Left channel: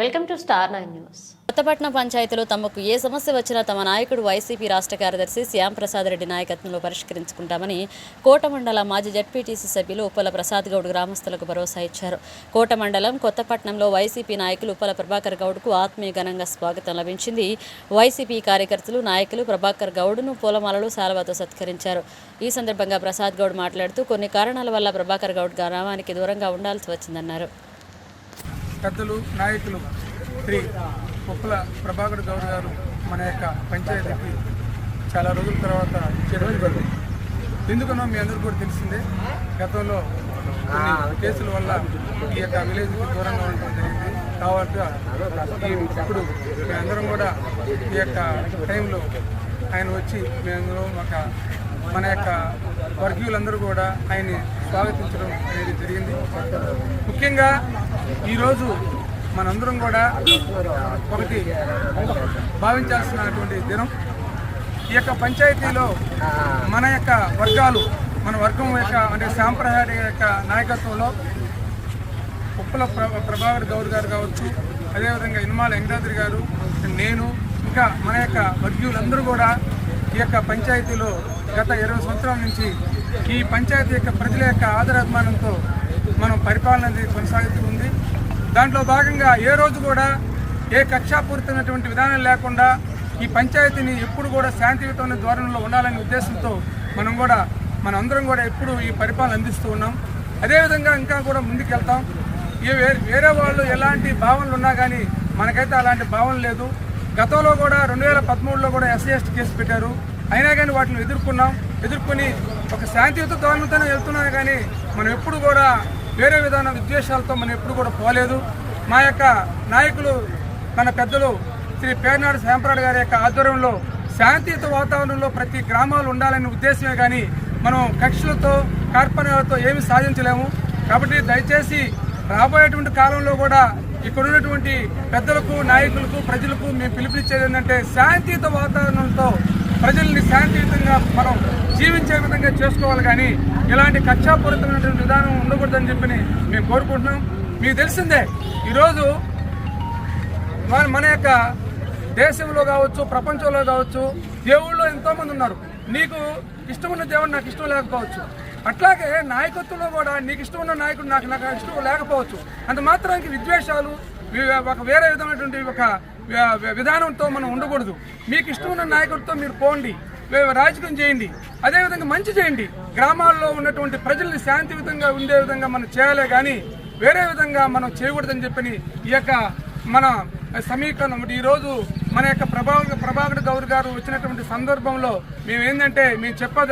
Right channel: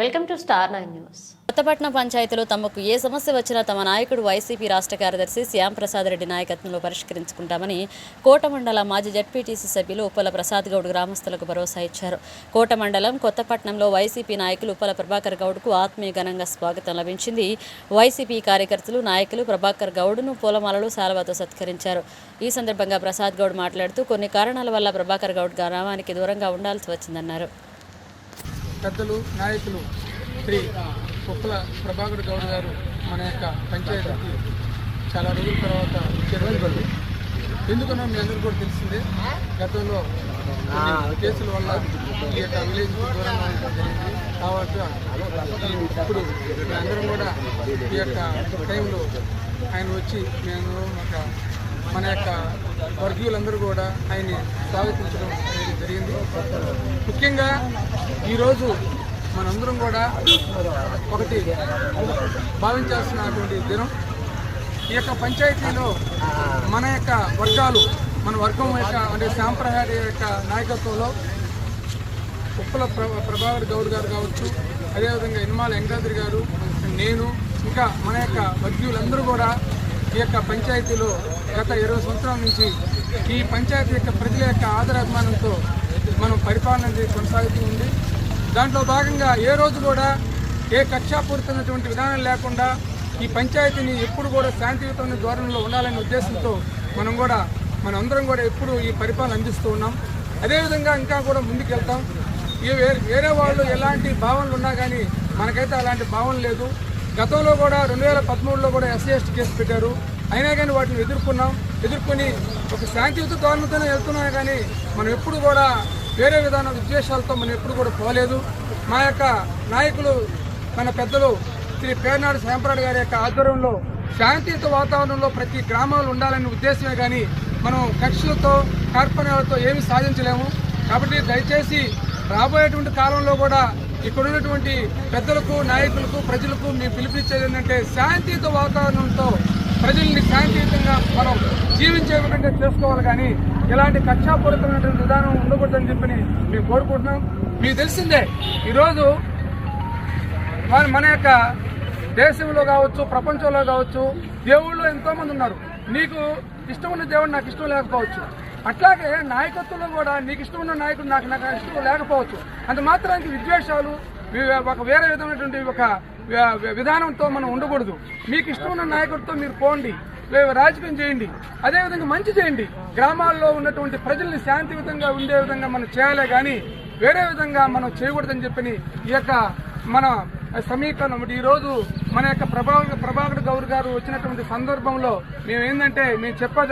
Welcome to star 9 news. Kothapatnam పంచాయతీలో తమకు ఏ సమస్య వచ్చినా తమ నాయకుడు వైసీపీ రాష్ట్ర కార్యదర్శి శ్యామ్ ప్రసాద్ రెడ్డి నాయకత్వంలో పరిష్కరించుకుంటామని కోట మండల మాజీ జడ్పీటీసీ సభ్యులు ఉప్పల ప్రసాద్ గౌడ్ గ్రామస్తులకు భరోసా ఇచ్చారు. కోట మండలం కొత్తపట్నంలో వైసీపీ నాయకులు ఉప్పల ప్రభాకర్ గౌడ్కు ఆత్మీయ ఘనంగా స్వాగతం లభించింది. వైసీపీ కార్యకర్తలు నాయకులు ప్రభాకర్ గౌడ్ను పూలమాలలు శాలువాతో సత్కరించారు. ఈ సందర్భంగా ప్రసాద్ గౌడ్ మాట్లాడుతూ కొన్ని కారణాల వల్ల ప్రభాకర్ గౌడ్ గ్రామానికి దూరంగా ఉండాల్సి వచ్చిందన్నారు. పెద్దలు నాయకులు శ్రీ ఉప్పల ప్రభాకర్ గౌడ్ గారు మన యొక్క పంచాయతీకి చాలా రోజుల తర్వాత నిర్వహించబడింది. ఎందుకనో మీ అందరూ కూడా తెలిసిందే, గతంలో కొన్ని కేసుల వల్ల ఈ యొక్క విలేజ్కి దూరంగా ఉండడం జరిగింది. కావచ్చు ఇప్పుడు మీ అందరం కూడా ఈ యొక్క టైంలో ఆయన వచ్చి మేము మన యొక్క వర్గీయులందరూ కూడా ఆయన్ని స్వాగతించడం అనేది జరిగింది. ముఖ్యంగా ఈరోజు మనందరం కూడా ఒకటి భావించాల్సినటువంటి దినం. ఈ యొక్క పంచాయతీలో మన యొక్క వర్గాలు, మన వర్గం యొక్క అంటే సాంప్రదాయ యొక్క నాయకత్వంలో ఉప్పల ప్రభాకర్ గౌడ్ గారు కావచ్చు, అదేవిధంగా ఇనుమాల వెంకటాద్రి గారు, నేను, ఇంకా మన యొక్క వర్గీయులందరూ కూడా ఈ యొక్క పంచాయతీలో గత 20 సంవత్సరాల నుంచి ఈ పంచాయతీ యొక్క ప్రజల యొక్క ఆదరాభిమానంతో మనం పరిపాలన కొనసాగుతూ ఉంది. దాంట్లో భాగంగా ఏ రోజు కూడా ఏ కక్షాపూరితమైనటువంటి విధానం లేకుండా ఈ పంచాయతీని ఎప్పుడు కూడా శాంతియుతమైన ధోరణిలో ఉండాలనే ఉద్దేశంతో మనందరం కూడా ఎప్పుడు ఈ పరిపాలన అందిస్తూ ఉన్నాం. అదేవిధంగా ఇంకా కూడా ముందుకు వెళ్తాం. వేరే వాళ్ళు ఎలాంటి భావనలు ఉన్నా కానీ మనకైతే అలాంటి భావన లేదు. గతంలో కూడా 2013లో కూడా SC/ST కేసు పెట్టారు. అయినా కానీ వాటిని ఎదుర్కొని ఒక శాంతియుత ధోరణితోనే వెళ్తున్నాం. కానీ మనం ఎప్పుడు కూడా వేరే విధాన విద్వేషాలతో మనం ఎప్పుడు కూడా పోలేదు. మా యొక్క నాయకులు మన పెద్దలు శ్రీ పేర్నాడు శ్యాంప్రాడ్ గారి యొక్క ఆధ్వర్యంలో శాంతియుత వాతావరణంలో ప్రతి గ్రామాలు ఉండాలనే ఉద్దేశమే కానీ మనం కక్షలతో కార్పణ్యాలతో ఏమీ సాధించలేము. కాబట్టి దయచేసి రాబోయేటువంటి కాలంలో కూడా ఇక్కడ ఉన్నటువంటి పెద్దలకు, నాయకులకు, ప్రజలకు మేము పిలుపునిచ్చేది ఏంటంటే శాంతియుత వాతావరణంతో ప్రజల్ని శాంతియుతంగా మనం జీవించే విధంగా చేసుకోవాలి. కానీ ఇలాంటి కక్షాపూరితమైనటువంటి విధానం ఉండకూడదని చెప్పి మేము కోరుకుంటున్నాం. మీకు తెలిసిందే, ఈరోజు మన యొక్క దేశంలో కావచ్చు, ప్రపంచంలో కావచ్చు, దేవుళ్ళు ఎంతోమంది ఉన్నారు. నీకు ఇష్టమున్న దేవుడు నాకు ఇష్టం లేకపోవచ్చు. అట్లాగే నాయకత్వంలో కూడా నీకు ఇష్టమున్న నాయకుడు నాకు ఇష్టం లేకపోవచ్చు. అంత మాత్రానికి విద్వేషాలు, ఒక వేరే విధమైనటువంటి ఒక విధానంతో మనం ఉండకూడదు. మీకు ఇష్టమున్న నాయకుడితో మీరు పోండి, రాజకీయం చేయండి, అదేవిధంగా మంచి చేయండి. గ్రామాల్లో ఉన్నటువంటి ప్రజల్ని శాంతియుతంగా ఉండే విధంగా మనం చేయాలి, కానీ వేరే విధంగా మనం చేయకూడదని చెప్పని ఈ యొక్క మన సమీకరణం. ఈరోజు మన యొక్క ప్రభాకర్ గౌడ్ గారు వచ్చినటువంటి సందర్భంలో మేము చెప్పేది